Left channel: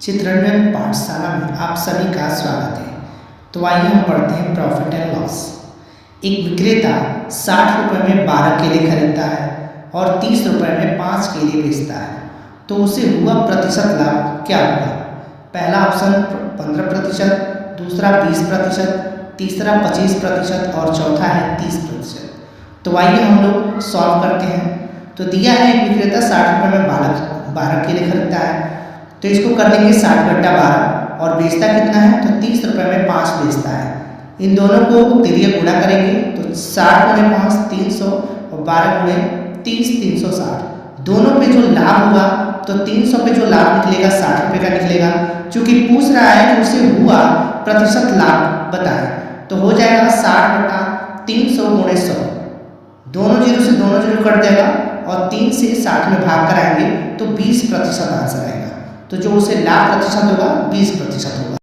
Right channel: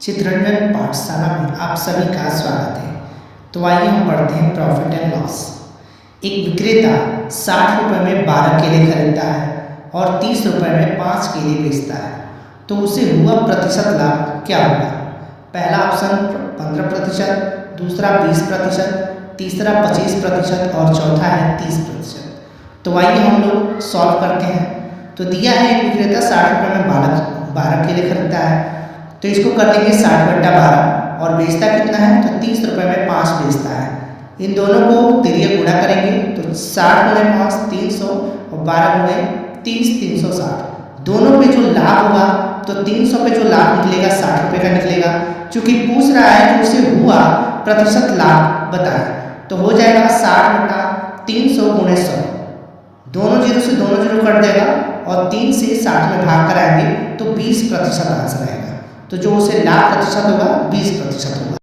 चित्रंजन पाठशाला में आप सभी का स्वागत है। तो आइए हम पढ़ते हैं प्रॉफिट एंड लॉस। एक विक्रेता 60 रुपये में 12 केले खरीदता है और 30 रुपये में 5 केले बेचता है, तो उसे हुआ प्रतिशत लाभ क्या होगा? पहला ऑप्शन 15%, दूसरा 20%, तीसरा 25% और चौथा है 30%। तो आइए हम लोग सॉल्व करते हैं। तो दिया है एक विक्रेता 60 रुपये में 12 केले खरीदता है, तो इसको कर देंगे 60/12 और बेचता कितना है? तो 30 रुपये में 5 बेचता है। इन दोनों को तिर्यक गुणा करेंगे तो 60 × 5 300 और 12 × 30 360। दोनों पे जो लाभ होगा तो 300 पे जो लाभ निकलेगा 60 रुपये का निकलेगा। चूँकि पूछ रहा है कि उसे हुआ प्रतिशत लाभ बताएं, तो हो जाएगा 60/300 × 100। दोनों जीरो से दोनों जीरो कट देगा और 3 से 60 में भाग कराएंगे तो 20% आंसर आएगा। तो जो उसे लाभ प्रतिशत होगा 20% होगा।